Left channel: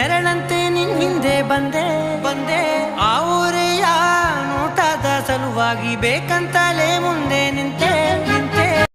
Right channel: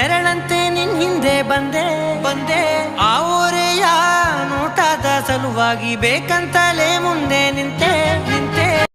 ನೆರಳಂತೆ ನಿನ್ ಹಿಂದೆ ಬಂದೆ ಆ ಊರೆಯ ನೋಟದ ಸಲುವಾಗಿ ಬೇಕಂತಲೇ ಮುಂದೆ ನಿಂತೆ